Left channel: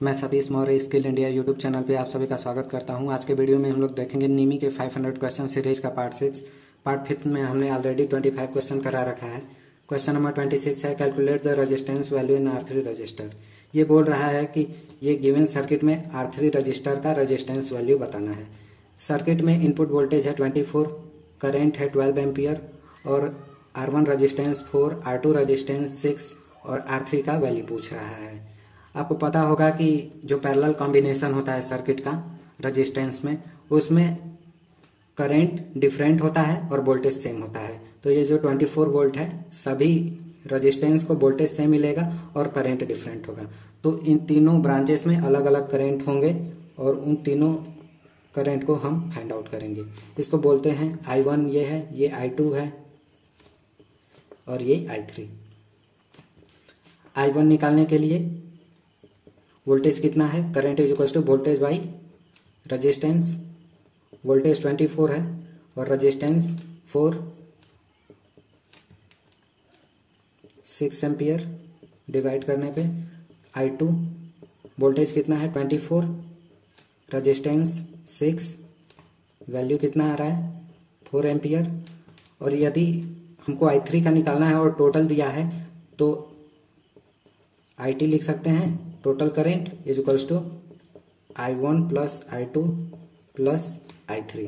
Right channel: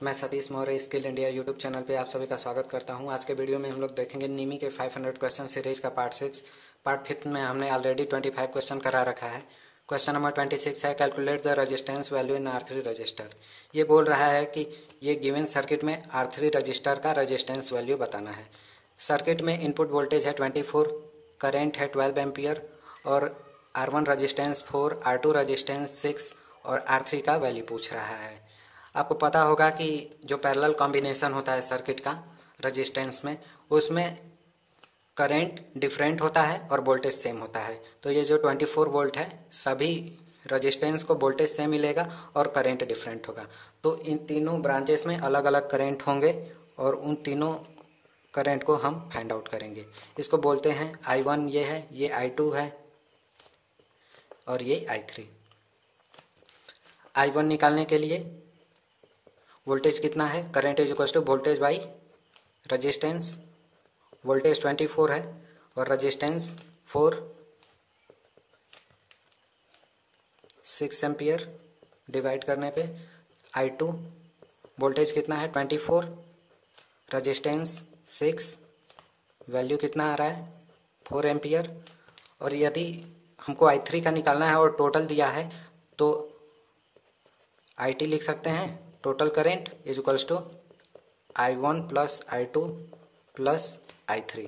मैं Satish Maurya skill India YouTube channel पे आप सभी का स्वागत करता हूं। आज के वीडियो में हम लोग देखेंगे नीमी के 500 क्वेश्चन सीरीज का पार्ट 6। पार्ट 5 में हमने ऑलरेडी 25 क्वेश्चन करा रखा है। क्वेश्चन नंबर 26 है, calculate the resistance value in R3 register. ये बोल रहा है कि ये गिवन सर्किट में R3 रजिस्टर का रेजिस्टेंस वैल्यू बताना है। सर्किट में इनपुट वोल्टेज है 24, करेंट है 12 एम्पियर और R1 रजिस्टेंस 4, R2 रजिस्टेंस 6 और R3 का वैल्यू पूछ रहा है। आपको पता होगा कि जो पैरेलल कॉम्बिनेशन होता है सर्किट का रेजिस्टेंस में, उसमें करंट डिफरेंट होता है और वोल्टेज सेम होता है। तो ये जो 24 वोल्ट है, सभी रेजिस्टेंस को वोल्टेज सेम मिलेगा और करंट डिफरेंट होगा। तो इन तीनों ब्रांचेस में अलग अलग करंट होंगे और उन तीनों करंट को हम फाइंड आउट करेंगे। इसको बोलते हैं I1 ये है, ये I2 है और ये I3। I1 निकालने के लिए वोल्टेज कितना है, current is equal to voltage by resistance. Voltage 24 है और रेजिस्टेंस 4, 6 एम्पियर डिवाइड करने पे I2 वोल्टेज कितना है 24, रेजिस्टेंस 6, वैल्यू कितना आ रहा है 4 एम्पियर। और यदि हमको I3 का निकालना है और टोटल दिया है तो IT लिख सकते हैं, total current is equals to I1 plus I2 plus I3।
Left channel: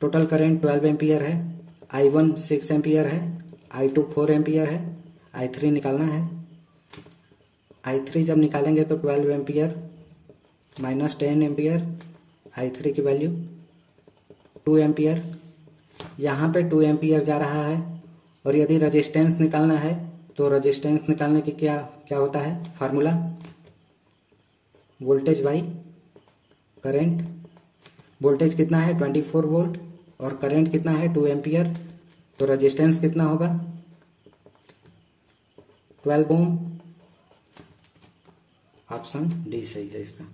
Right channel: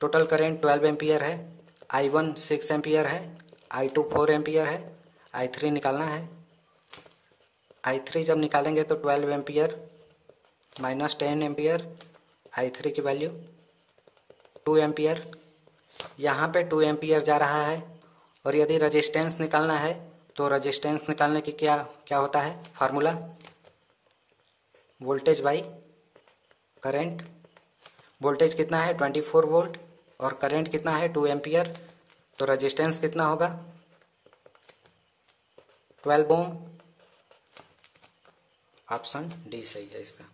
Total current 12 ampere है, I1 6 एम्पियर है, I2 4 एम्पियर है, I3 निकालना है। I3 जब निकालेंगे तो 12 एम्पियर माइनस 10 एम्पियर, I3 की वैल्यू 2 एम्पियर। यहाँ पे 2 एम्पियर जा रहा है। और यदि रेजिस्टेंस निकालना है तो रेजिस्टेंस निकालने की क्या होता है formula, voltage by current. Voltage कितना है 24 वोल्ट और करंट कितना है 2 एम्पियर, तो रेजिस्टेंस कितना होगा 12 ओम। ऑप्शन डी सही है इसका।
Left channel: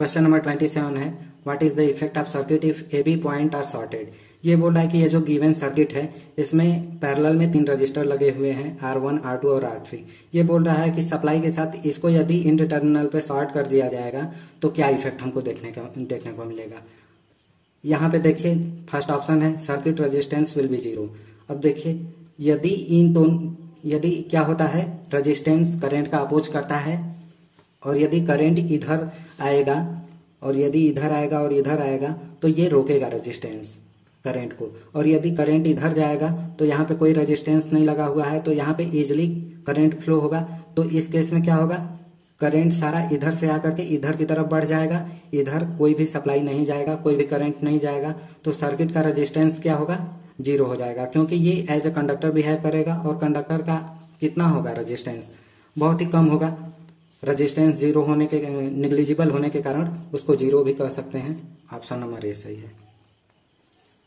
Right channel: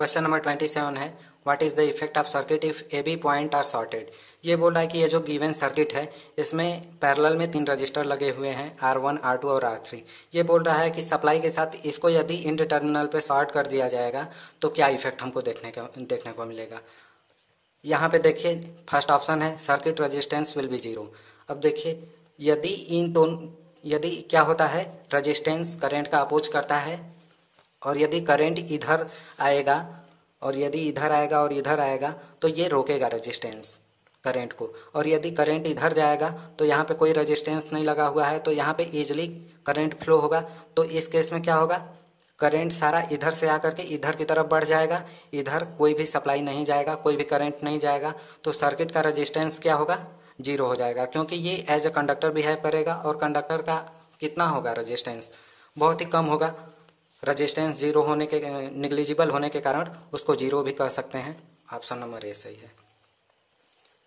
क्वेश्चन नंबर 27 है, what is the effect of circuit if AB point are shorted. ये बोल रहा है कि ये जो गिवन सर्किट है इसमें पैरेलल में 3 रजिस्टर लगे हुए हैं, R1, R2 और R3। ये बोल रहा है कि सप्लाई के साथ इसको यदि इन टर्मिनल पे शॉर्ट कर दिया जाएगा तो क्या इफेक्ट हमको देखने को मिलेगा। यहाँ पे देखिए फर्स्ट ऑप्शन है सर्किट रेजिस्टेंस विल बी 0। अब देखिए यदि क्या होता है, रेजिस्टेंस करंट का अपोज करता है और यदि करंट इधर आएगा और यदि इधर आएगा और इधर आएगा तो ये रोकेगा रेजिस्टेंस करंट को। और यदि करंट इधर जाएगा तो यहाँ पे कोई रेजिस्टेंस नहीं लगा हुआ है तो यहाँ पे इजीली करंट फ्लो होगा। तो इस केस में क्या होगा, करंट सारा इधर से आकर के इधर की तरफ बढ़ जाएगा, इधर कोई भी सप्लाई नहीं जाएगा, कोई भी करंट नहीं जाएगा। तो सर्किट का रेजिस्टेंस क्या होगा 0 हो जाएगा, क्योंकि ये एज ए कंडक्टर बिहेव करेगा और कंडक्टर का कितना होगा रेजिस्टेंस बहुत ही कम होगा। रेजिस्टेंस 0 होने के निग्लिजिबल होने के कारण उसको 0 भी कह सकते हैं। ऑप्शन नंबर ए सही है।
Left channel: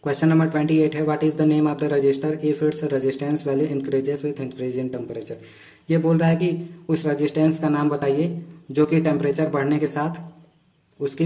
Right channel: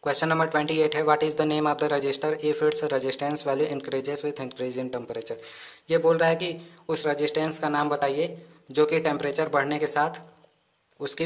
क्वेश्चन नंबर 28 है, what is the name of the register if its resistance value increases with increase in temperature. ये बोल रहा है कि उस रेजिस्टेंस का नाम बताइए जो कि टेम्परेचर बढ़ने के साथ उसकी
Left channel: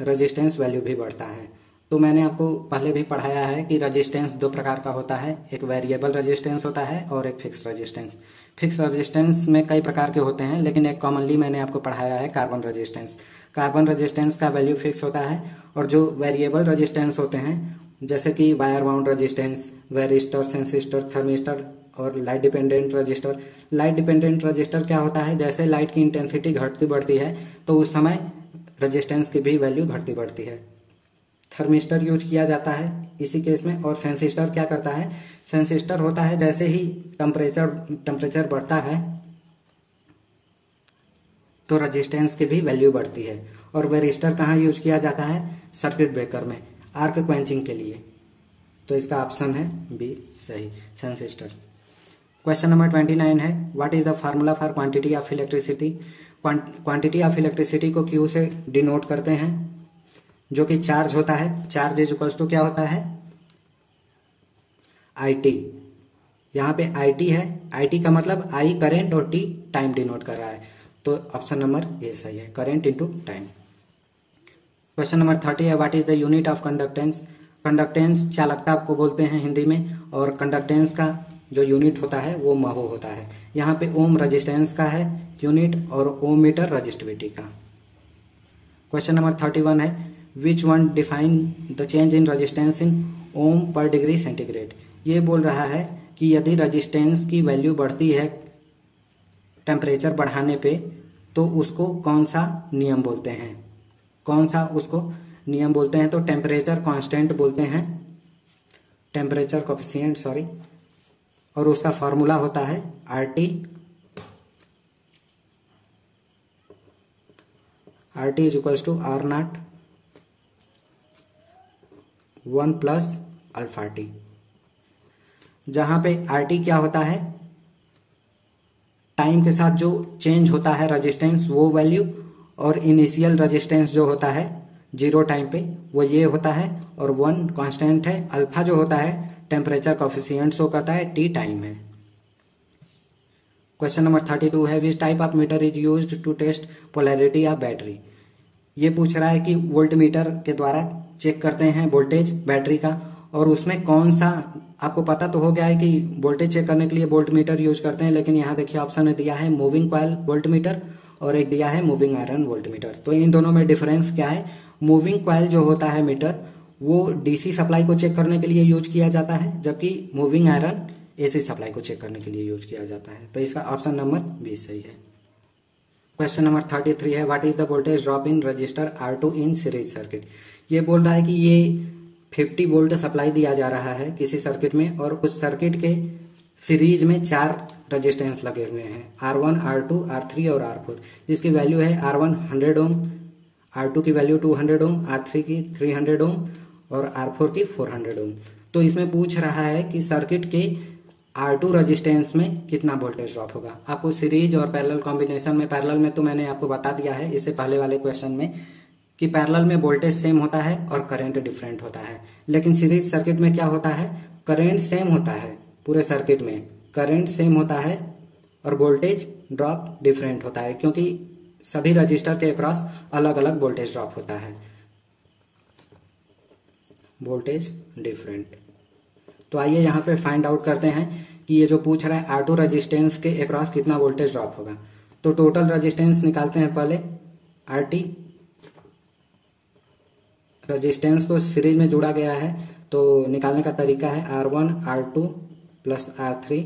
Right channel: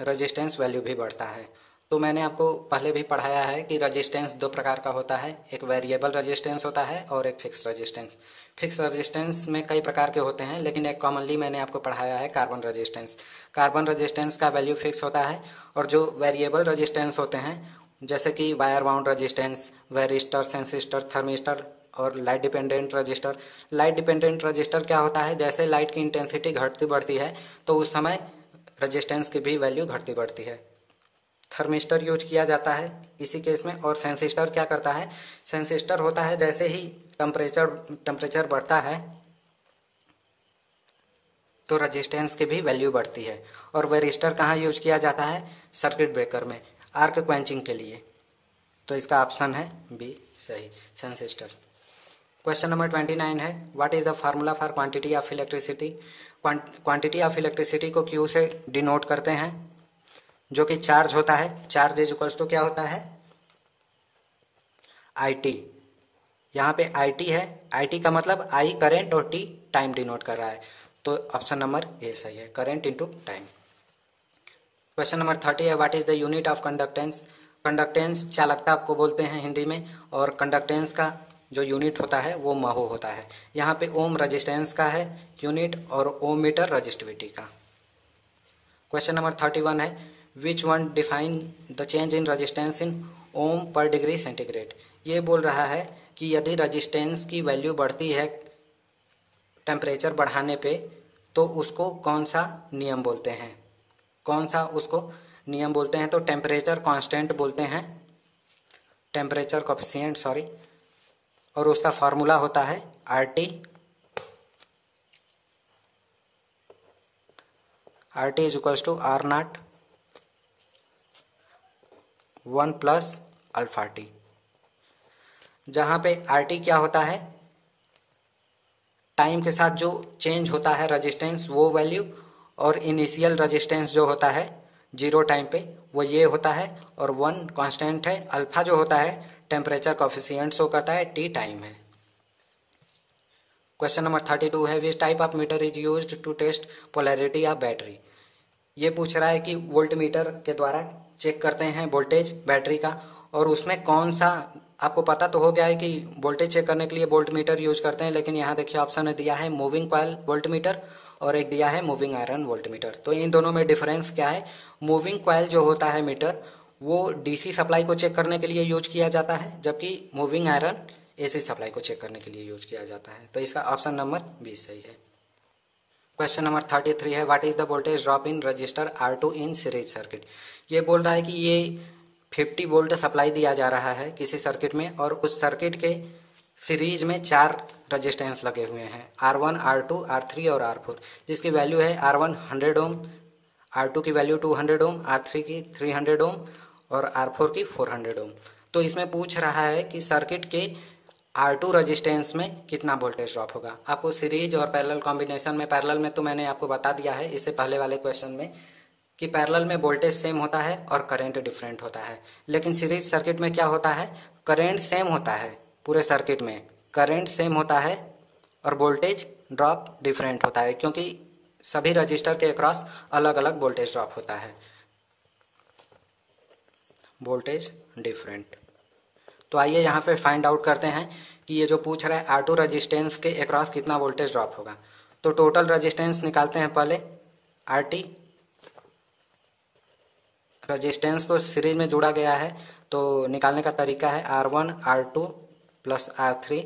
रेजिस्टेंस वैल्यू भी बढ़ता है। तो मैंने आपको पहले भी पढ़ाया है कि रेजिस्टेंस 2 प्रकार का होता है, एक वेरिएबल रेजिस्टेंस होता है और एक फिक्स रेजिस्टेंस। फिक्स रेजिस्टेंस में कई प्रकार के होते हैं, लेकिन एक कॉमनली मैंने आपको पढ़ाया है कार्बन रेजिस्टेंस। कार्बन रेजिस्टेंस का वैल्यू फिक्स होता है और जो वेरिएबल रेजिस्टेंस होते हैं जैसे कि wire bound resistance, varistor, sensistor, thermistor और light dependent resistor. Light dependent resistor क्या होता है, जैसे लाइट की इंटेंसिटी घटती बढ़ती है तो उस समय रेजिस्टेंस की भी वैल्यू घटती बढ़ती है। थर्मिस्टर यूज किया जाता है इसी केस में। और सेंसिस्टर क्या करता है, सेंसिस्टर होता है जैसे ही टेम्परेचर बढ़ता है तो रेजिस्टेंस की भी वैल्यू बढ़ती है। और वेरिस्टर कहाँ यूज किया जाता है, सर्किट ब्रेकर में आर्क क्वेंचिंग के लिए। तो इसका ऑप्शन है बी सही, सेंसिस्टर। क्वेश्चन नंबर 29 है, what is the formula for quantity of electricity. Quantity of electricity को Q से डिनोट करते हैं, जो कि चार्ज होता है। चार्ज इज इक्वल्स टू क्या होता है IT। यहाँ पे IT है, IT का मतलब I करंट और T टाइम डिनोट कर रहा है। तो ऑप्शन नंबर ए सही है, current into time. Question number 30 है, what is the unit of conductance. Conductance चालकता आपको बोलते हैं हिंदी में, और कंडक्टेंस का जो यूनिट होता है वो महो होता है। यहाँ पे ओम रजिस्टेंस का है यूनिट और ओम मीटर रजिस्टिविटी का। क्वेश्चन नंबर 31 है which one define the change in resistance in ohm पर डिग्री सेंटीग्रेड। ये बोल रहा है कि यदि रजिस्टेंस की वैल्यू बढ़ती है टेम्परेचर बढ़ाने पे तो उसको कौन सा नियम बोलते हैं, कौन सा उसको नियम बोलते हैं। तो टेम्परेचर कांस्टेंट बोलते हैं, टेम्परेचर कोएफिशिएंट सॉरी, और उसका फार्मूला होता है RT is equals to R0 1 plus alpha T, जहां पे RT क्या होता है, टाइम के साथ जो चेंज होता है रेजिस्टेंस वो वैल्यू, और इनिशियल रेजिस्टेंस जो होता है 0 टाइम पे वो ये होता है, और 1 कांस्टेंट है। अल्फा जो होता है टेम्परेचर कोएफिशिएंट शो करता है, T टाइम है। क्वेश्चन नंबर 32 है which type of meter is used to test polarity of battery. ये पूछ रहा है कि वोल्ट मीटर के द्वारा चेक करते हैं वोल्टेज बैटरी का, और उसमें कौन सा, आपको पता तो हो गया है कि वोल्टेज चेक करने के लिए वोल्ट मीटर यूज करते हैं, लेकिन यहाँ देखिए ऑप्शन में दिया है मूविंग कॉइल वोल्ट मीटर और एक दिया है मूविंग आयरन वोल्ट मीटर। तो इन दोनों में डिफरेंस क्या है, मूविंग कॉइल जो होता है मीटर वो डीसी सप्लाई को चेक करने के लिए यूज किया जाता है, जबकि मूविंग आयरन एसी सप्लाई को चेक करने के लिए यूज किया जाता है। तो इसका ऑप्शन नंबर 20 सही है। क्वेश्चन नंबर 33 है what is the voltage drop in register R2 in series circuit. ये बोल रहा है कि ये 50 वोल्ट सप्लाई दिया जा रहा है किसी सर्किट में, और उस सर्किट के सीरीज में 4 रजिस्टेंस लगे हुए हैं R1 R2 R3 और R4, जिसकी वैल्यू है R1 100 ओम, R2 की वैल्यू 200 ओम, R3 की 300 ओम और R4 की 400 ओम। तो इसमें पूछ रहा है कि सर्किट के R2 रजिस्टेंस में कितना वोल्टेज ड्रॉप होगा। आपको सीरीज और पैरेलल कॉम्बिनेशन में, पैरेलल में तो मैंने आपको बता दिया है इससे पहले वाले क्वेश्चन में कि पैरेलल में वोल्टेज सेम होता है और करंट डिफरेंट होता है, लेकिन सीरीज सर्किट में क्या होता है, करंट सेम होता है, पूरे सर्किट में करंट सेम होता है और वोल्टेज ड्रॉप डिफरेंट होता है, क्योंकि सभी रजिस्टर के अक्रॉस अलग अलग वोल्टेज ड्रॉप होता है, वोल्टेज डिफरेंट। तो आइए यहाँ पे फाइंड आउट करते हैं कि ये जो पूछ रहा है R2 रजिस्टेंस के अक्रॉस कितना वोल्टेज ड्रॉप होगा। तो टोटल रजिस्टेंस निकालते हैं पहले, RT रजिस्टेंस को सीरीज में जोड़ा गया है, तो निकालने का तरीका है R1 R2 plus R3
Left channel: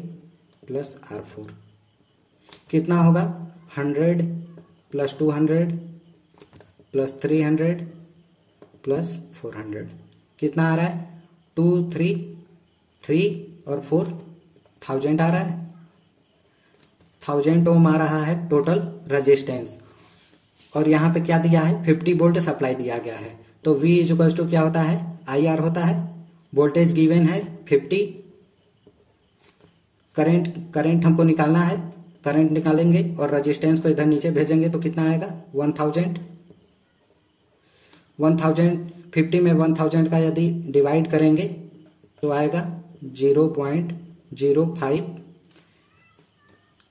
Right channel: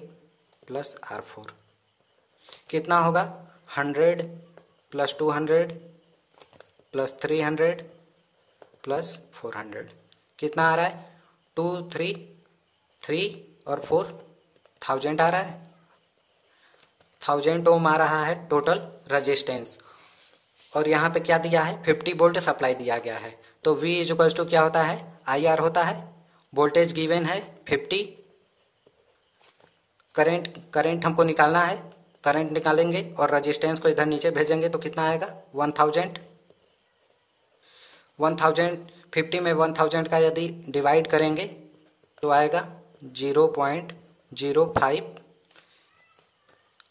plus R4, कितना होगा 100 प्लस 200 प्लस 300 प्लस 400, कितना आ रहा है 2 3 3 और 4 1000 आ रहा है, 1000 ओम आ रहा है टोटल रजिस्टेंस, और यहाँ पे क्या दिया है 50 वोल्ट सप्लाई दिया गया है। तो V इज इक्वल्स टू क्या होता है IR होता है, वोल्टेज गिवन है 50, करंट हमको निकालना है, करंट निकालेंगे और रजिस्टेंस को इधर नीचे भेजेंगे तो कितना आएगा 1000 50 में 1000 का यदि डिवाइड करेंगे तो आएगा 0.05,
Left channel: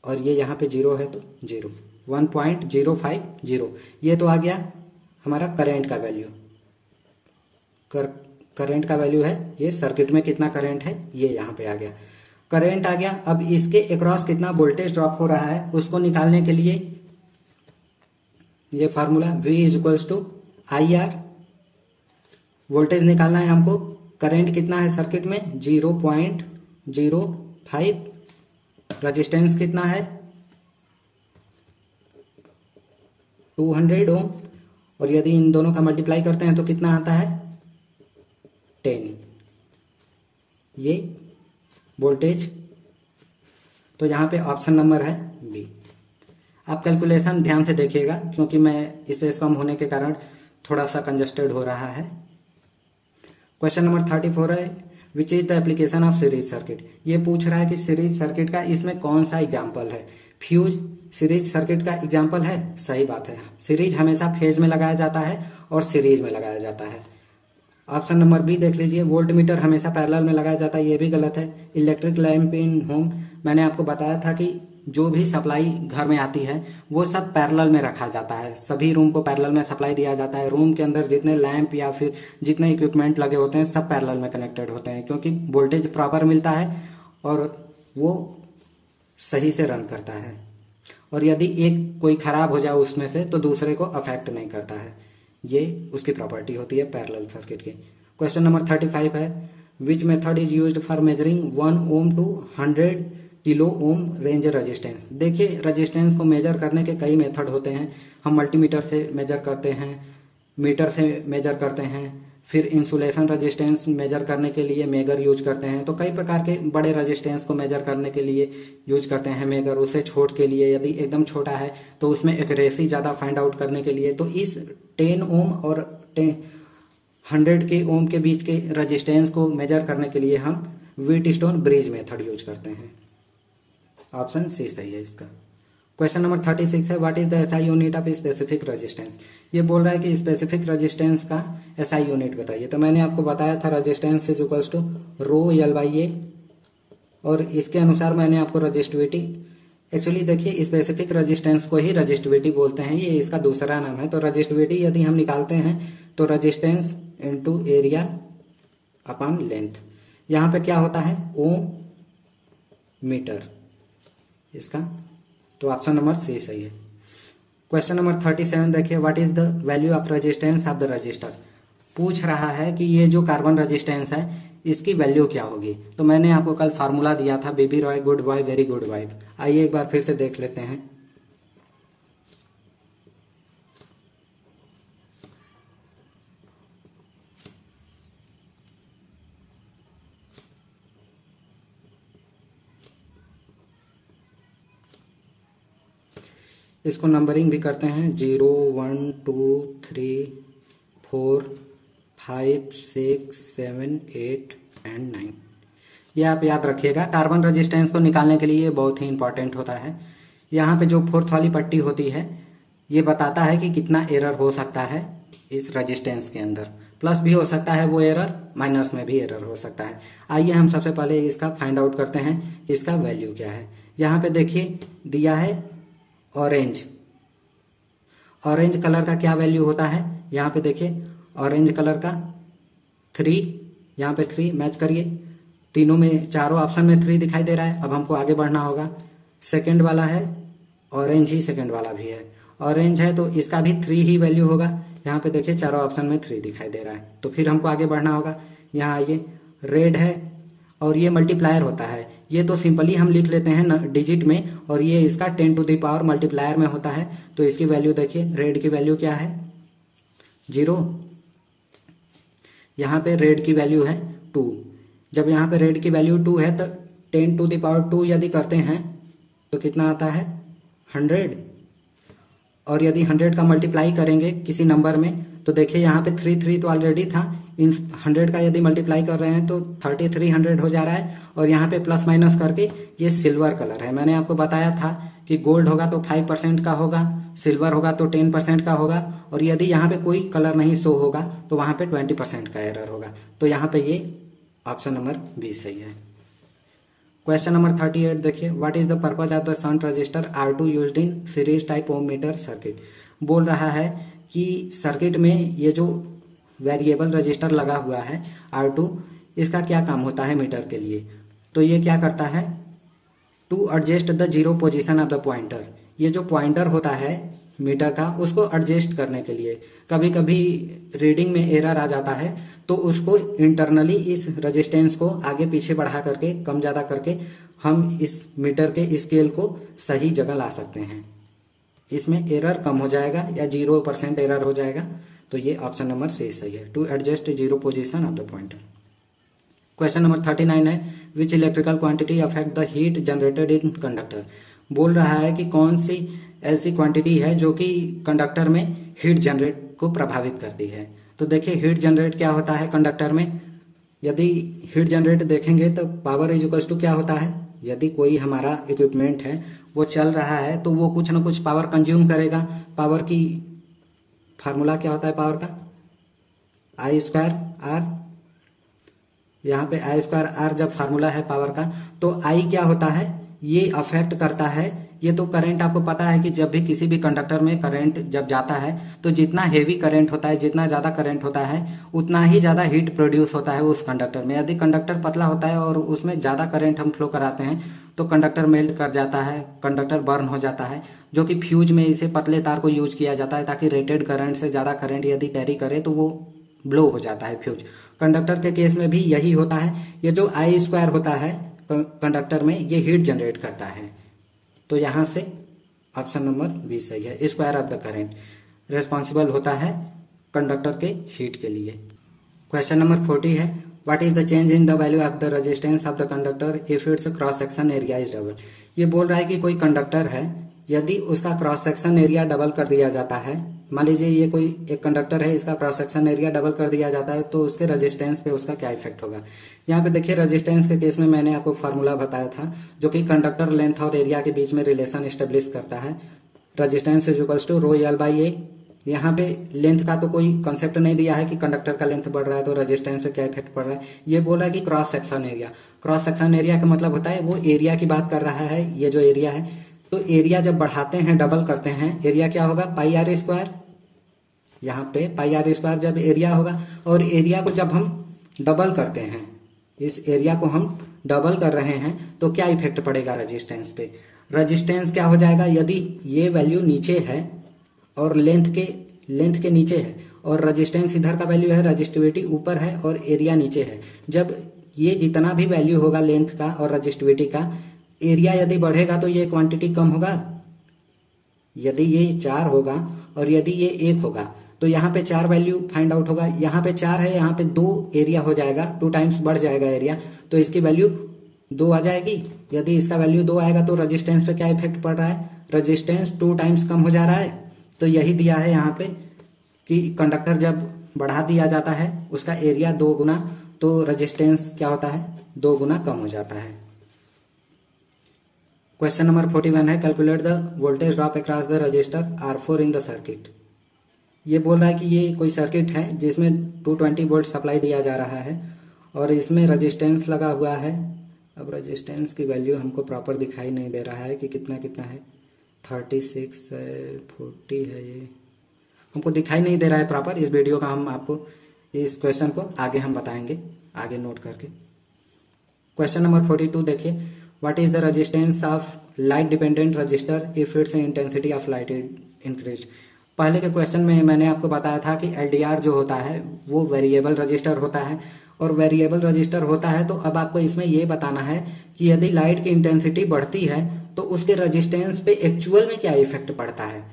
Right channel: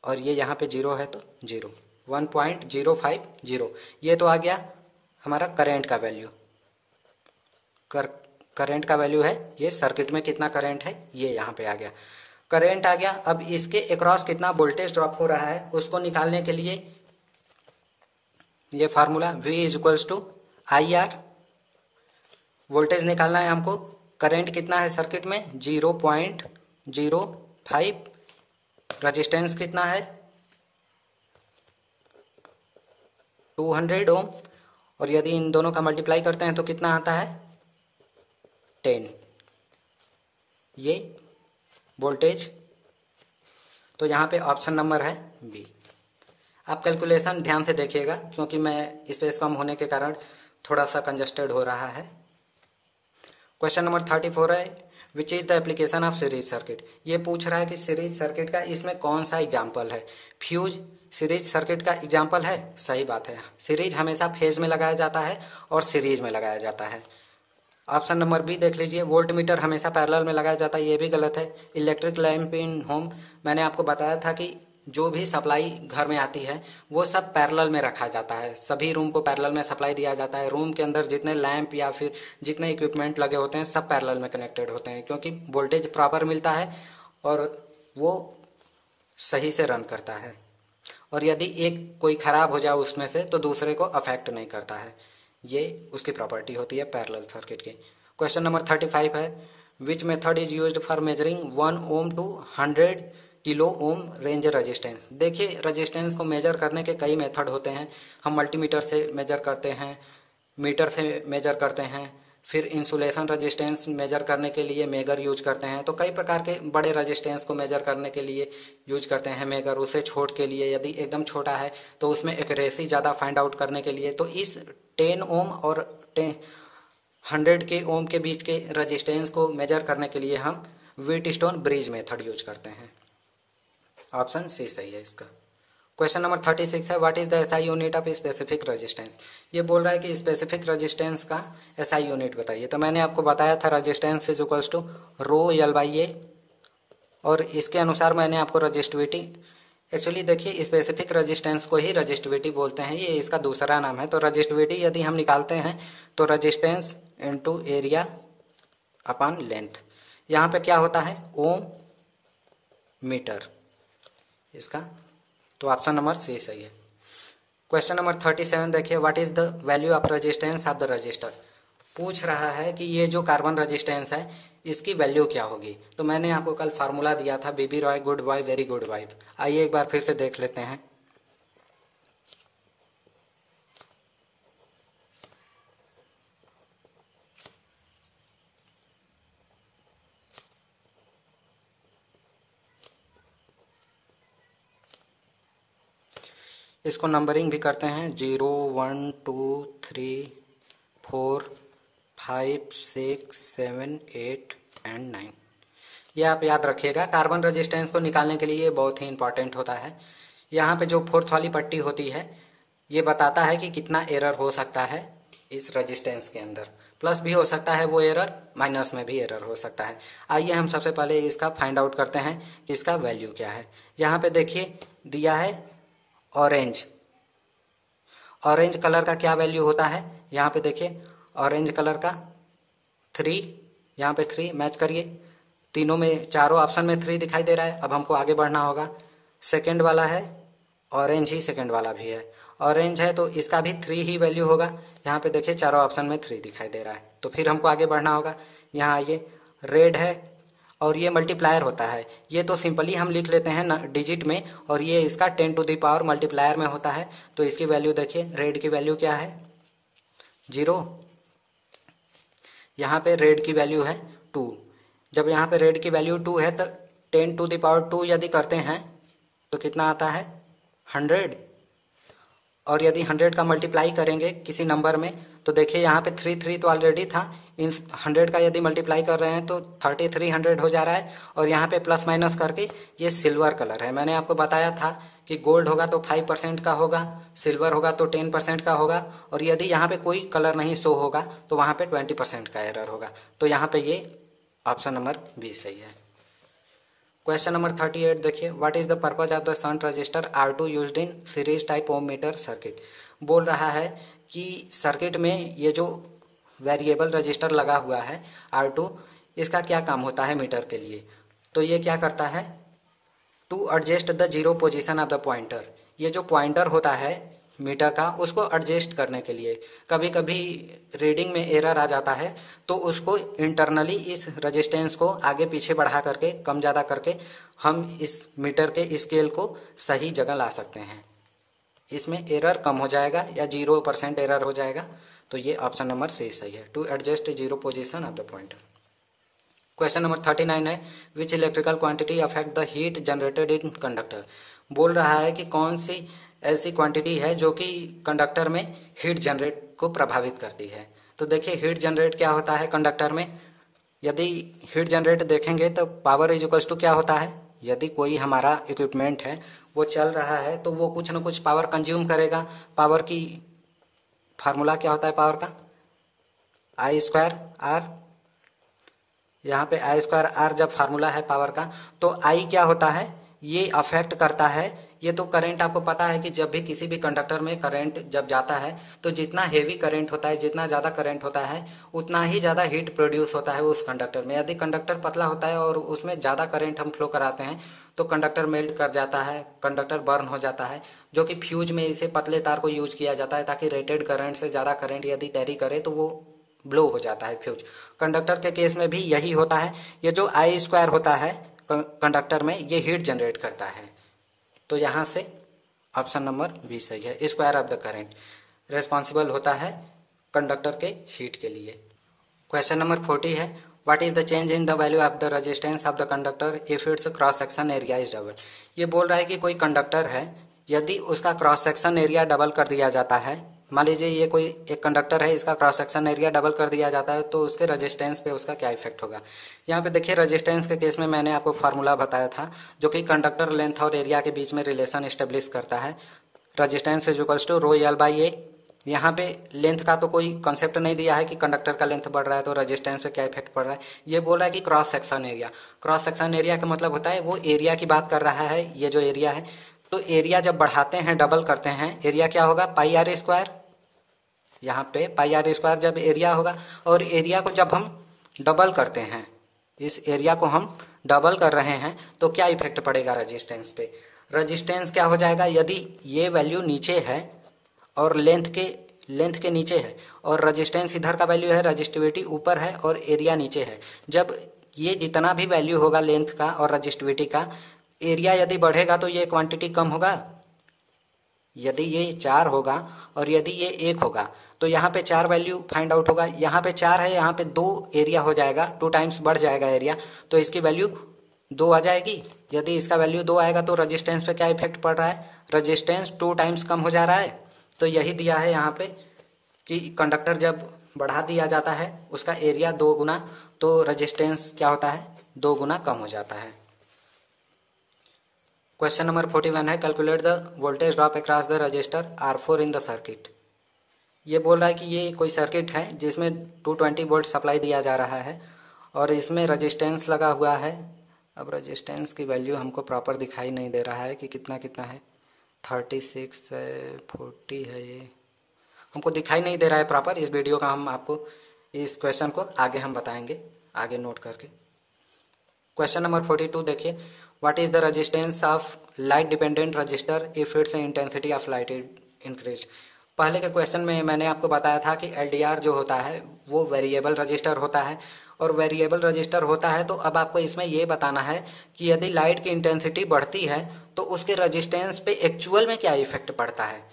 और ये यहाँ पे 0 है तो 0 1.050, ये तो आ गया हमारा करंट का वैल्यू, करंट का वैल्यू है ये, सर्किट में कितना करंट है ये यहाँ पे आ गया, करंट आ गया। अब इसके अक्रॉस कितना वोल्टेज ड्रॉप हो रहा है उसको निकालने के लिए ये formula V is equals to IR, voltage निकालना है हमको, करंट कितना है सर्किट में 0.05, रजिस्टेंस कितना है 200 ओम, और यदि इन दोनों का मल्टीप्लाई करते हैं तो कितना आता है 10, ये वोल्टेज। तो यहाँ पे ऑप्शन नंबर है बी। आप कैलकुलेशन ध्यान से देखिएगा क्योंकि मैं स्पेस कम होने के कारण थोड़ा सा कंजस्टेड हो रहा है। क्वेश्चन नंबर 34 है which is the application of series circuit. ये पूछ रहा है कि सीरीज सर्किट का इसमें कौन सा एग्जाम्पल है। फ्यूज सीरीज सर्किट का एग्जाम्पल है, सही बात है, सीरीज हमेशा फेज में लगाया जाता है और सीरीज में लगाया जाता है। ऑप्शन नंबर बी देख लीजिए, वोल्ट मीटर हमेशा पैरेलल में लगाया जाता है, ये भी गलत है। इलेक्ट्रिक लैंप इन होम, मैंने आपको बताया था कि जो भी सप्लाई घर में आती है वो सब पैरेलल में रखा जाता है, सभी रूम को पैरेलल में सप्लाई दिया जाता है। रूम के अंदर जितने लैंप या फिर जितने इक्विपमेंट लगे होते हैं सब पैरेलल में कनेक्टेड होते हैं, क्योंकि वोल्टेज प्रॉपर मिलता है और वो सही से रन करता है, और यदि एक कोई खराब हो जाए उसमें से तो दूसरे को अफेक्ट नहीं करता है। ये उसकी प्रॉपर्टी होती है पैरेलल सर्किट की। क्वेश्चन नंबर 35 है, which method is used for measuring 1 ohm to 100 kilo ohm range resistance. देखिए, रेजिस्टेंस को मेजर करने के कई मेथड होते हैं। हम मल्टीमीटर से मेजर करते हैं, मीटर से मेजर करते हैं, फिर इंसुलेशन रेजिस्टेंस मेजर करने के लिए मेगर यूज करते हैं। तो कई प्रकार के बड़े रेजिस्टेंस को मेजर करने के लिए यूज करते हैं मेगर। उसे छोट के लिए यदि एकदम छोटा है तो उसमें एक्यूरेसी ज़्यादा फाइंड आउट करने के लिए। तो इस 10 ओम और 100 के ओम के बीच के रेजिस्टेंस को मेजर करने के लिए हम व्हीटस्टोन ब्रिज मेथड यूज करते हैं। ऑप्शन सी सही है इसका। क्वेश्चन नंबर 36 है, what is the SI unit of specific resistance. ये बोल रहा है कि स्पेसिफिक रेजिस्टेंस का एसआई यूनिट बताइए। तो मैंने आपको बताया था resistance is equals to rho L by A, और इसके अनुसार मैंने आपको रजिस्टिविटी, एक्चुअली देखिए स्पेसिफिक रेजिस्टेंस को ही रजिस्टिविटी बोलते हैं, ये इसका दूसरा नाम है। तो रजिस्टिविटी यदि हम निकालते हैं तो resistance into area upon length. यहाँ पे क्या होता है, ओम मीटर इसका। तो ऑप्शन नंबर सी सही है। क्वेश्चन नंबर 37 देखिए, what is the value of resistance of the register. पूछ रहा है कि ये जो कार्बन रेजिस्टेंस है इसकी वैल्यू क्या होगी। तो मैंने आपको कल फार्मूला दिया था, BB Roy good boy very good boy. आइए एक बार फिर से देख लेते हैं। इसको नंबरिंग भी करते हैं, 0 1 2 3 4 5 6 7 8 एंड 9। ये आप याद रखिएगा। कार्बन रेजिस्टेंस को निकालने के लिए ये बहुत ही इंपॉर्टेंट होता है। यहाँ पे जो फोर्थ वाली पट्टी होती है ये बताता है कि कितना एरर हो सकता है इस रेजिस्टेंस के अंदर। प्लस भी हो सकता है वो एरर, माइनस में भी एरर हो सकता है। आइए हम सबसे पहले इसका फाइंड आउट करते हैं कि इसका वैल्यू क्या है। यहाँ पे देखिए दिया है ऑरेंज। ऑरेंज कलर का क्या वैल्यू होता है, यहाँ पे देखिए ऑरेंज कलर का 3, यहाँ पे 3 मैच करिए। तीनों में, चारों ऑप्शन में 3 दिखाई दे रहा है। अब हमको आगे बढ़ना होगा। सेकंड वाला है ऑरेंज ही, सेकंड वाला भी है ऑरेंज है, तो इसका भी 3 ही वैल्यू होगा। यहाँ पे देखिए चारों ऑप्शन में 3 दिखाई दे रहा है। तो फिर हमको आगे बढ़ना होगा। यहाँ आइए, रेड है और ये मल्टीप्लायर होता है। ये तो सिंपली हम लिख लेते हैं डिजिट में, और ये इसका 10 टू द पावर मल्टीप्लायर में होता है। तो इसकी वैल्यू देखिए, रेड की वैल्यू क्या है 0, यहाँ पे रेड की वैल्यू है 2। जब यहाँ पे रेड की वैल्यू 2 है तो 10 टू द पावर 2 यदि करते हैं तो कितना आता है 100। और यदि 100 का मल्टीप्लाई करेंगे किसी नंबर में तो देखिए यहाँ पे 3 तो ऑलरेडी था। इन 100 का यदि मल्टीप्लाई कर रहे हैं तो 3300 हो जा रहा है। और यहाँ पे प्लस माइनस करके ये सिल्वर कलर है। मैंने आपको बताया था कि गोल्ड होगा तो 5% का होगा, सिल्वर होगा तो 10% का होगा, और यदि यहाँ पे कोई कलर नहीं शो होगा तो वहाँ पे 20% का एरर होगा। तो यहाँ पे ये ऑप्शन नंबर 20 सही है। क्वेश्चन नंबर 38 देखिए, what is the purpose of the shunt resistor R2 used in series type ohm meter circuit. बोल रहा है कि सर्किट में ये जो वेरिएबल रजिस्टर लगा हुआ है R2, इसका क्या काम होता है मीटर के लिए। तो ये क्या करता है, to adjust the zero position of the pointer. ये जो पॉइंटर होता है मीटर का उसको एडजस्ट करने के लिए कभी कभी रीडिंग में एरर आ जाता है, तो उसको इंटरनली इस रेजिस्टेंस को आगे पीछे बढ़ा करके, कम ज़्यादा करके हम इस मीटर के स्केल को सही जगह ला सकते हैं। इसमें एरर कम हो जाएगा या 0% एरर हो जाएगा। तो ये ऑप्शन नंबर सी सही है, to adjust zero position of the pointer. Question number 39 है, which electrical quantity affect the heat generated in conductor. बोल रहा है कि कौन सी ऐसी क्वांटिटी है जो कि कंडक्टर में हीट जनरेट को प्रभावित करती है। तो देखिए हीट जनरेट क्या होता है कंडक्टर में। यदि हीट जनरेट देखेंगे तो पावर इज इक्वल्स टू क्या होता है, यदि कोई हमारा इक्विपमेंट है वो चल रहा है तो वो कुछ ना कुछ पावर कंज्यूम करेगा। पावर की फार्मूला क्या होता है पावर का, I²R। यहाँ पे I²R जब फार्मूला है पावर का, तो I क्या होता है, ये अफेक्ट करता है। ये तो करंट आपको पता है कि जब भी किसी भी कंडक्टर में करंट जब जाता है तो जितना हेवी करंट होता है, जितना ज़्यादा करंट होता है उतना ही ज़्यादा हीट प्रोड्यूस होता है उस कंडक्टर में। यदि कंडक्टर पतला होता है और उसमें ज़्यादा करंट हम फ्लो कराते हैं तो कंडक्टर मेल्ट कर जाता है, कंडक्टर बर्न हो जाता है, जो कि फ्यूज में इसे पतले तार को यूज किया जाता है ताकि रेटेड करंट से ज़्यादा करंट यदि कैरी करे तो वो ब्लो हो जाता है फ्यूज। कंडक्टर के केस में भी यही होता है। ये जो आई स्क्वायर होता है कंडक्टर में, ये हीट जनरेट करता है। तो यहाँ से ऑप्शन नंबर बी सही है। Square of the current responsible होता है कंडक्टर के हीट के लिए। क्वेश्चन नंबर 40 है, what is the change in the value of the resistance of the conductor if it's cross section area is double. ये बोल रहा है कि कोई कंडक्टर है, यदि उसका क्रॉस सेक्शन एरिया डबल कर दिया जाता है, मान लीजिए ये कोई एक कंडक्टर है, इसका क्रॉस सेक्शन एरिया डबल कर दिया जाता है, तो उसके रेजिस्टेंस पे उसका क्या इफेक्ट होगा। यहाँ पे देखिए रेजिस्टेंस के केस में मैंने आपको फार्मूला बताया था, जो कि कंडक्टर लेंथ और एरिया के बीच में रिलेशन स्टेब्लिश करता है। Resistance is equals to rho L by A. यहाँ पे लेंथ का तो कोई कॉन्सेप्ट नहीं दिया है कि कंडक्टर का लेंथ बढ़ रहा है तो रेजिस्टेंस पे क्या इफेक्ट पड़ रहा है। ये बोल रहा है कि cross section area. Cross section area का मतलब होता है वो एरिया की बात कर रहा है। ये जो एरिया है, तो एरिया जब बढ़ाते हैं, डबल करते हैं, एरिया क्या होगा, पाई आर स्क्वायर। यहाँ पे पाई आर स्क्वायर जब एरिया होगा, और एरिया को जब हम डबल करते हैं, इस एरिया को हम डबल कर रहे हैं, तो क्या इफेक्ट पड़ेगा रेजिस्टेंस पे। रेजिस्टेंस क्या हो जाएगा, यदि ये वैल्यू नीचे है और लेंथ के नीचे है, और रेजिस्टेंस इधर का वैल्यू है, रजिस्टिविटी ऊपर है और एरिया नीचे है, जब ये जितना भी वैल्यू होगा लेंथ का और रजिस्टिविटी का, एरिया यदि बढ़ेगा तो ये क्वांटिटी कम होगा। यदि ये 4 होगा और यदि ये 1 होगा, तो यहाँ पे 4 वैल्यू फाइंड आउट होगा। यहाँ पे 4 है, यहाँ पे 2 एरिया हो जाएगा, 2 टाइम्स बढ़ जाएगा एरिया, तो इसकी वैल्यू 2 आ जाएगी। यदि इसका वैल्यू 2 आएगा तो रेजिस्टेंस पे क्या इफेक्ट पड़ रहा है, रेजिस्टेंस 2 टाइम्स कम हो जा रहा है। तो यही दिया है यहाँ पे कि कंडक्टर जब बढ़ा दिया जाता है उसका एरिया 2 गुना, तो रेजिस्टेंस क्या होता है, 2 गुना कम हो जाता है। क्वेश्चन नंबर 41 है, calculate the voltage drop across the register R4 in the circuit. ये बोल रहा है कि ये कोई सर्किट है जिसमें 220 वोल्ट सप्लाई दिया जा रहा है और इसमें रेजिस्टेंस लगा हुआ है। अब रेजिस्टेंस की वैल्यू हमको प्रॉपर दिखाई नहीं दे रहा है कि कितना कितना है, 36 है, 40 है, ये हमको दिखाई नहीं दे रहा है प्रॉपर। इस वीडियो का हम आपको इस क्वेश्चन को आगे हम बताएंगे, आगे नोट करके। क्वेश्चन नंबर 42 देखिए, what is the resistance of light dependent register if it's intensity of light increase. पहले के क्वेश्चन में मैंने आपको बताया था कि एलडीआर जो होता है वो वेरिएबल रजिस्टर होता है, और वेरिएबल रजिस्टर होता है तो अब आपको इसमें ये बताना है कि यदि लाइट की इंटेंसिटी बढ़ती है तो उसके रजिस्टेंस पे एक्चुअल में क्या इफेक्ट पड़ता है।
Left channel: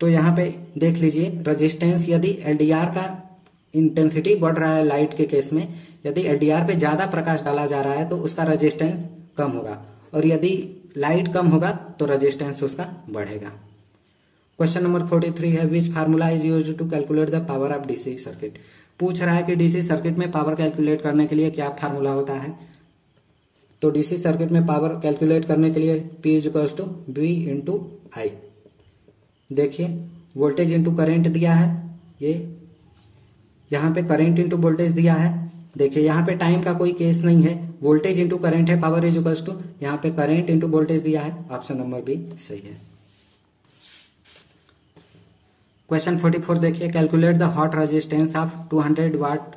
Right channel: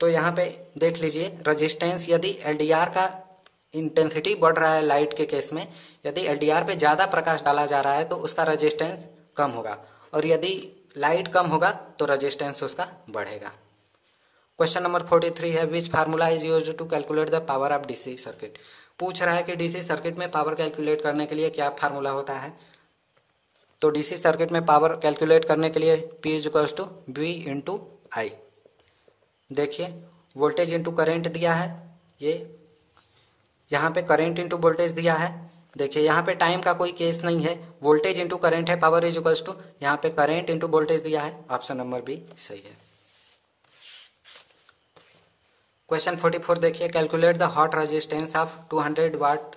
तो यहाँ पे देख लीजिए, रजिस्टेंस यदि एलडीआर का इंटेंसिटी बढ़ रहा है लाइट के केस में, यदि एलडीआर पे ज़्यादा प्रकाश डाला जा रहा है तो उसका रजिस्टेंस कम होगा, और यदि लाइट कम होगा तो रजिस्टेंस उसका बढ़ेगा। क्वेश्चन नंबर 43 है, which formula is used to calculate the power of DC circuit. पूछ रहा है कि डीसी सर्किट में पावर कैलकुलेट करने के लिए क्या फार्मूला होता है। तो डीसी सर्किट में पावर कैलकुलेट करने के लिए P is equals to V into I. देखिए वोल्टेज इंटू करेंट दिया है, ये यहाँ पे करेंट इंटू वोल्टेज दिया है। देखिए यहाँ पे टाइम का कोई केस नहीं है, वोल्टेज इंटू करेंट है, पावर इज इक्वल्स टू यहाँ पे करेंट इंटू वोल्टेज दिया है। ऑप्शन नंबर बी सही है। क्वेश्चन 44 देखिए, calculate the hot resistance of 200 watt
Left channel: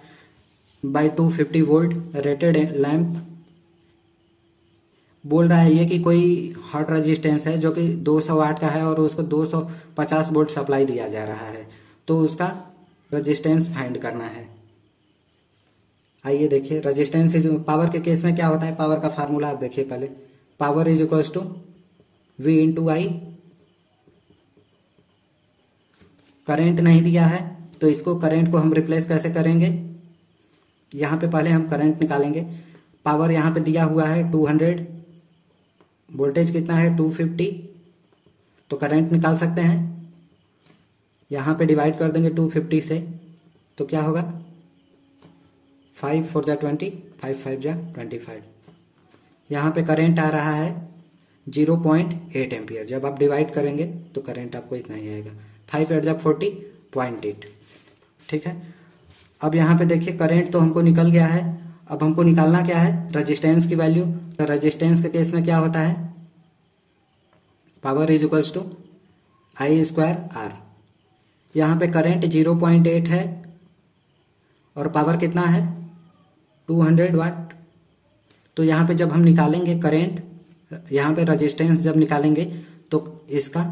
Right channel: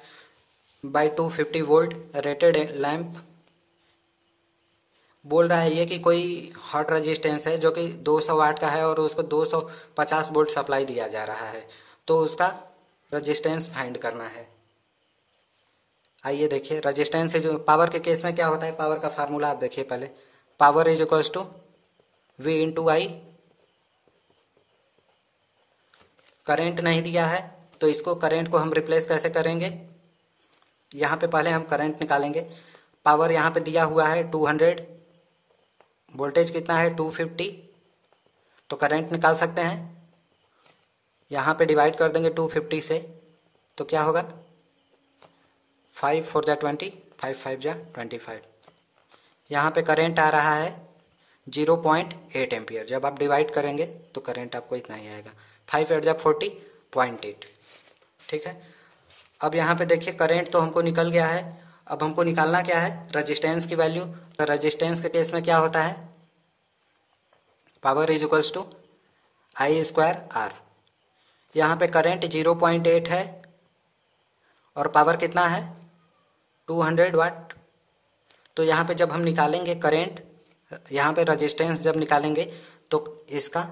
by 250 volt rated lamp. बोल रहा है ये कि कोई हॉट रेजिस्टेंस है जो कि 200 वाट का है और उसको 250 वोल्ट सप्लाई दिया जा रहा है, तो उसका रेजिस्टेंस फाइंड करना है। आइए देखिए, रेजिस्टेंस जो पावर के केस में क्या होता है, पावर का फार्मूला आप देखिए पहले, power is equals to V into I. Current नहीं दिया है तो इसको करंट को हम रिप्लेस कैसे करेंगे, यहाँ पे पहले हम करंट निकालेंगे। पावर यहाँ पे दिया हुआ है 200, वोल्टेज कितना है 250, तो करंट निकाल सकते हैं। यहाँ पे डिवाइड कर देंगे 250 से, तो क्या होगा 5 4 जा 20, 5 5 जा 25। यहाँ पे करंट आ रहा है 0.8 एम्पियर। जब आप डिवाइड करेंगे तो करंट आपको इतना ही आएगा, 5 8 जा 40, 0.8। ठीक है, अब यहाँ पे देखिए करंट तो हमको निकल गया है, अब हमको निकालना क्या है, रेजिस्टेंस की वैल्यू। तो रेजिस्टेंस के केस में क्या होता है, power is equals to I square R. यहाँ पे करंट 0.8 है और पावर कितना है 200 वाट। तो यहाँ पे जब हम निकालेंगे करंट यहाँ पे रजिस्टेंस जब निकालेंगे तो इसका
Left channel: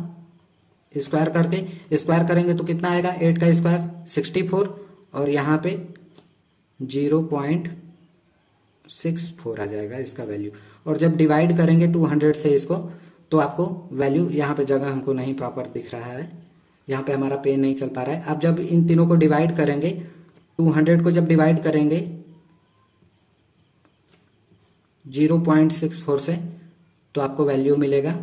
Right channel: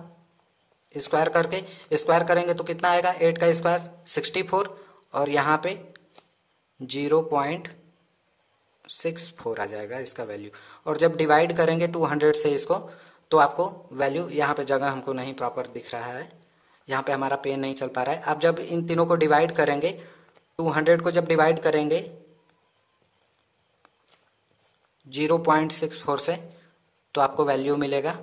स्क्वायर करेंगे तो कितना आएगा, 8 का स्क्वायर 64 और यहाँ पे 0.64 आ जाएगा इसका वैल्यू। और जब डिवाइड करेंगे 200 से इसको तो आपको वैल्यू, यहाँ पे जगह हमको नहीं प्रॉपर दिख रहा है, यहाँ पे हमारा पेन नहीं चल पा रहा है। आप जब इन तीनों को डिवाइड करेंगे, 200 को जब डिवाइड करेंगे 0.64 से तो आपको वैल्यू मिलेगा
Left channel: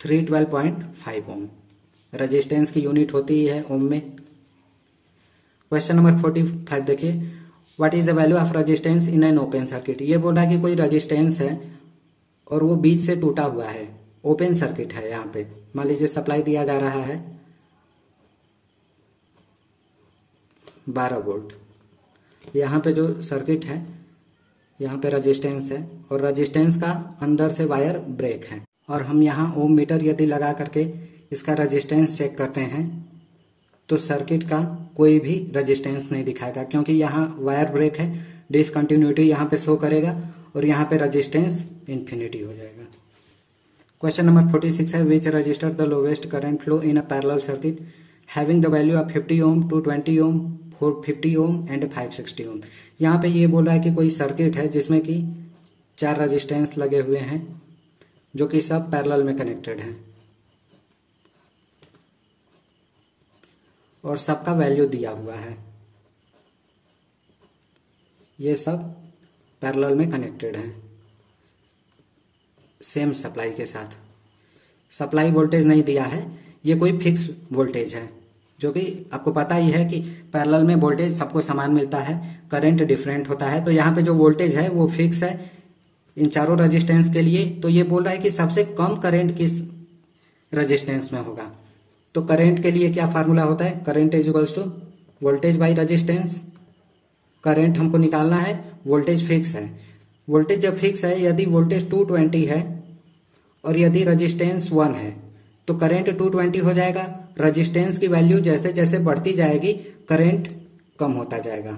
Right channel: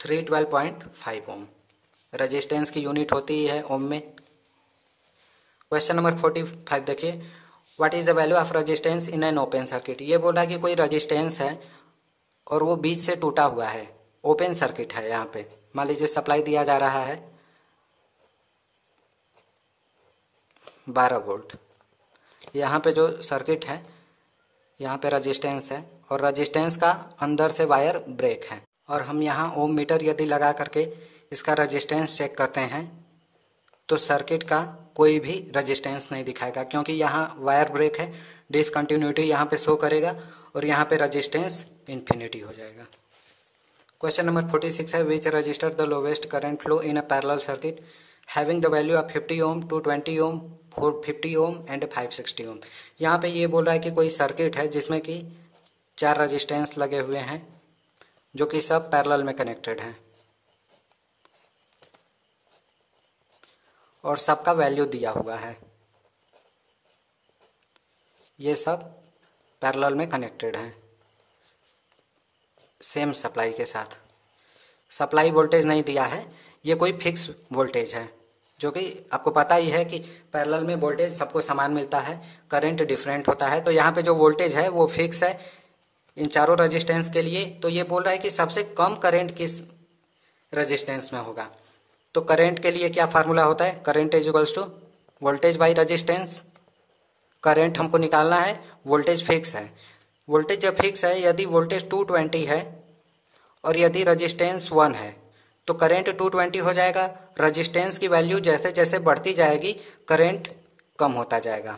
312.5 ओम। रेजिस्टेंस की यूनिट होती है ओम में। क्वेश्चन नंबर 45 देखिए, what is the value of resistance in an open circuit. ये बोल रहा है कि कोई रेजिस्टेंस है और वो बीच से टूटा हुआ है, ओपन सर्किट है। यहाँ पे मान लीजिए सप्लाई दिया जा रहा है 12 वोल्ट। यहाँ पे जो सर्किट है, यहाँ पे रेजिस्टेंस है और रेजिस्टेंस का अंदर से वायर ब्रेक है। और हम यहाँ ओम मीटर यदि लगा करके इसका रेजिस्टेंस चेक करते हैं तो सर्किट का कोई भी रेजिस्टेंस नहीं दिखाएगा, क्योंकि यहाँ वायर ब्रेक है। डिसकंटिन्यूटी यहाँ पे शो करेगा और यहाँ पे रेजिस्टेंस इन्फिनिटी हो जाएगा। क्वेश्चन नंबर 46 है, which resistor the lowest current flow in a parallel circuit having the value of 50 ohm, 220 ohm, 450 ohm and 560 ohm. यहाँ पे ये बोल रहा है कि कोई सर्किट है जिसमें कि 4 रजिस्टेंस लगे हुए हैं जो कि सब पैरेलल में कनेक्टेड हैं और सबका वैल्यू दिया हुआ है। ये सब पैरेलल में कनेक्टेड हैं सेम सप्लाई के साथ। सप्लाई वोल्टेज नहीं दिया है, ये कोई फिक्स वोल्टेज है, जो कि आपको पता ही है कि पैरेलल में वोल्टेज सबको समान मिलता है, करंट डिफरेंट होता है। तो यहाँ पे जो वोल्टेज है वो फिक्स है इन चारों रेजिस्टेंस के लिए। तो ये बोल रहा है कि सबसे कम करंट किस रेजिस्टेंस में होगा। तो करंट के लिए क्या फार्मूला होता है, current is equals to voltage by resistance. Current हमको निकालना है, वोल्टेज फिक्स है। वोल्टेज जब फिक्स है, यदि वोल्टेज 220 है और यदि रेजिस्टेंस 1 है तो करंट 220 हो जाएगा। रेजिस्टेंस की वैल्यू जैसे जैसे बढ़ती जाएगी करंट कम होता जाएगा।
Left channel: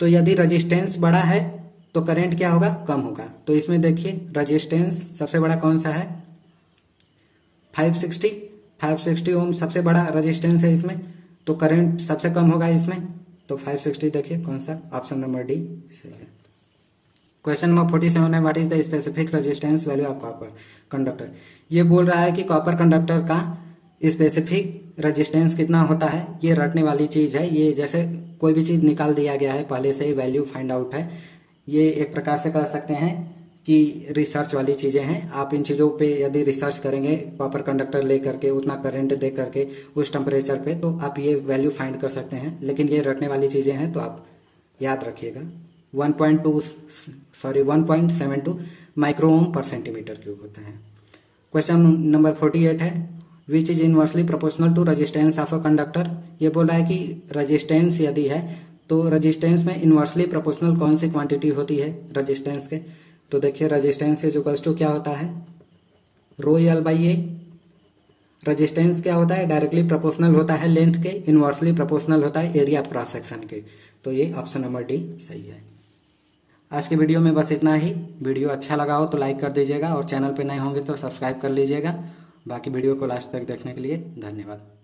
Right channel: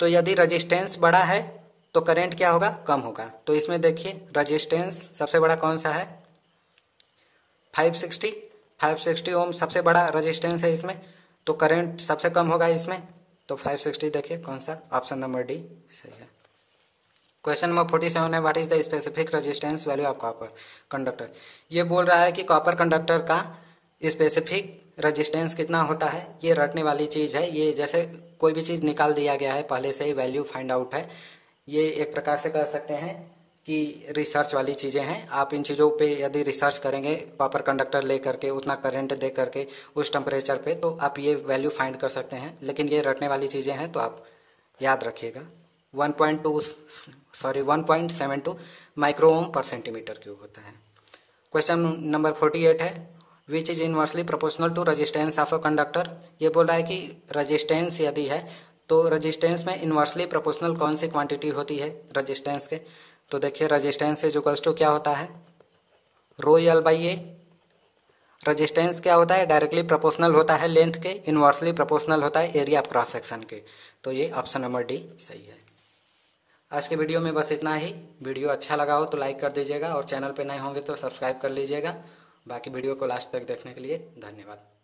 तो यदि रेजिस्टेंस बड़ा है तो करंट क्या होगा, कम होगा। तो इसमें देखिए रेजिस्टेंस सबसे बड़ा कौन सा है, 560 ओम सबसे बड़ा रेजिस्टेंस है इसमें, तो करंट सबसे कम होगा इसमें। तो 560 देखिए कौन सा, ऑप्शन नंबर डी सही है। क्वेश्चन नंबर 47 है, what is the specific resistance value of copper conductor. ये बोल रहा है कि कॉपर कंडक्टर का स्पेसिफिक रेजिस्टेंस कितना होता है। ये रटने वाली चीज है, ये जैसे कोई भी चीज निकाल दिया गया है पहले से ही वैल्यू फाइंड आउट है। ये एक प्रकार से कह सकते हैं कि रिसर्च वाली चीजें हैं। आप इन चीजों पे यदि रिसर्च करेंगे, कॉपर कंडक्टर ले करके उतना करंट दे करके उस टेम्परेचर पे, तो आप ये वैल्यू फाइंड कर सकते हैं। लेकिन ये रटने वाली चीजें हैं तो आप याद रखिएगा। 1.72 माइक्रो ओम पर सेंटीमीटर क्यूब होता है। क्वेश्चन नंबर 48 है, which is inversely proportional to resistance of a conductor. ये बोल रहा है कि रेजिस्टेंस यदि है तो रेजिस्टेंस में इनवर्सली प्रोपोर्शनल कौन सी क्वांटिटी होती है रेजिस्टेंस के। तो देखिए रेजिस्टेंस इज इक्वल्स टू क्या होता है, रो एल बाई ए। रेजिस्टेंस क्या होता है, डायरेक्टली प्रोपोर्शनल होता है लेंथ के, इनवर्सली प्रोपोर्शनल होता है एरिया ऑफ क्रॉस सेक्शन के। तो ये ऑप्शन नंबर डी सही है। आज के वीडियो में बस इतना ही। वीडियो अच्छा लगा हो तो लाइक कर दीजिएगा और चैनल पे नए होंगे तो सब्सक्राइब कर लीजिएगा। बाकी वीडियो को लास्ट तक देखने के लिए धन्यवाद।